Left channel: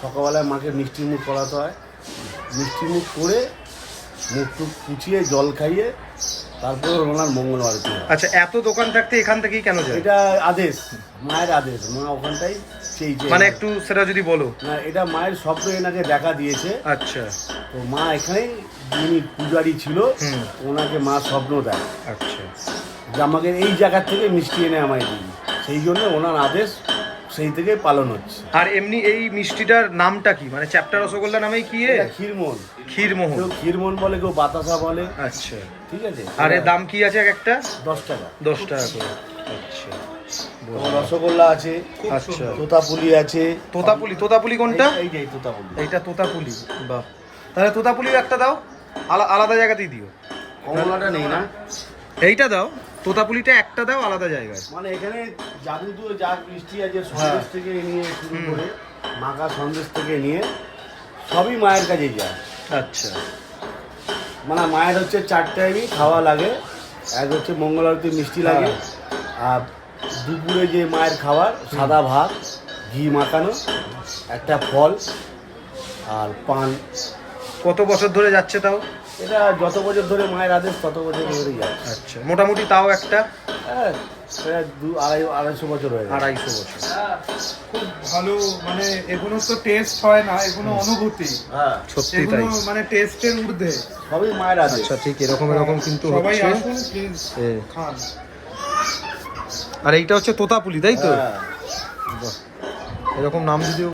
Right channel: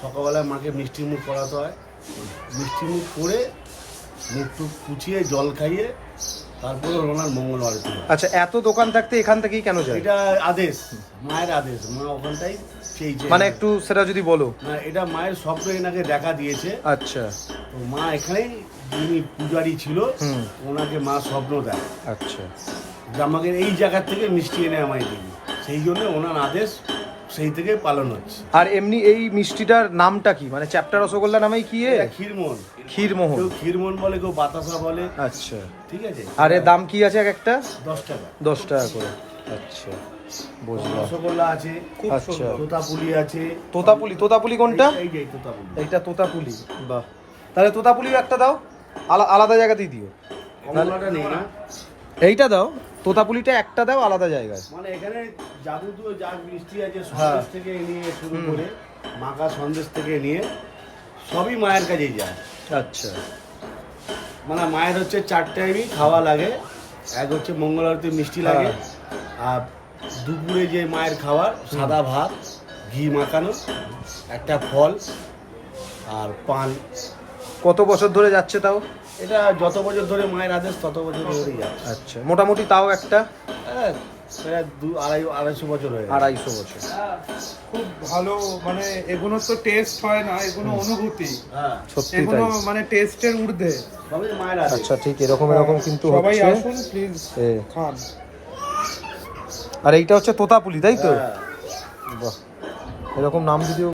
সকালবেলায় মাকে মিষ্টি মুখ করাতে হয়, মিষ্টি মুখ করে মুখ টুক পুছিয়ে জল খাইয়ে তারপরে ওনার মঙ্গল আরতি হয়। আচ্ছা, এত দোকান থাকতে এখান থেকেই কেন যায়? এটা আদেশ, মায়ের আদেশ, মা ওখানটাই চেয়েছে। মানে একটু সেটা যদি বলো। না, এটা মায়ের স্বপ্ন এনাকে দেখা দিয়েছে। আচ্ছা, তো মা এখানেই, যিনি পূজারি ছিল ওনাকে মা স্বপ্ন দেয় আচ্ছা, যে আমাকে এই জায়গার থেকে মিষ্টি এনে আমায় দিবি, সেই জন্য ওনার আদেশ সেই থেকে পালন হচ্ছে। আর এমনি এই মিষ্টিটার নামটা কি, মানে চ্যাপ্টা রসগোল্লা নামেই কি? ক্ষীরমোহন। ক্ষীরমোহন, কেউ ক্ষীরমোহন বলে, কেউ বাতাসা বলে। আচ্ছা, ঠিক আছে। আর এর দাম কি আছে এক একটা? 10 টাকা। 10 টাকা করে। আচ্ছা, বুঝলাম। রসগোল্লা আছে, আচ্ছা, তোতাপুলি আছে। তোতাপুলি, তোতাপুলি কোনটা? এই যে তোতাপুলি। এইটা তোতাপুলি, বাহ। তাহলে তোতাপুলিও একটা দাও, আলাদা জায়গাতেই দিও। কমলাটা নেই না? এইটা দাও, তোতাপুলিটা একটা দাও আলাদা জায়গায়। মানে এখানে যাবতীয় যা মিষ্টি আছে সন্দেশ থেকে নিয়ে শুরু করে মাখা সন্দেশ থেকে নিয়ে সবই মায়ের কাছে যায়। আচ্ছা, মানে মায়ের হচ্ছে 4 টাইমই খাওয়া লাগে। এক হচ্ছে মঙ্গল আরতি মিষ্টি লাগে, আর দুপুরে যে মায়ের খাবার সাদা ভাত, ঘি মাখানো, একটা ফল আর পান। কত বছর ধরে যাচ্ছে তাও? এটা যত বছর ধরে মায়ের আদেশ তত বছর ধরেই যাচ্ছে। আচ্ছা, মোটামুটি তাও একটা সেটা 2-250 বছর হয়ে গেছে। 250 বছর। খুব ভালো, মানে এগুলো তো টেস্ট হয় না, এগুলো অনুভূতি। হ্যাঁ, সত্যি তাই, এগুলো মানে টেস্টের ঊর্ধ্বে। সবই মায়ের আদেশ। আচ্ছা, ঠিক এরকম কিন্তু সবাই হচ্ছে। আসুন প্লিজ, খান। আর এইটা হচ্ছে তোতাপুলি, তাই তো? হ্যাঁ। বাহ, এরকম নাম যদিও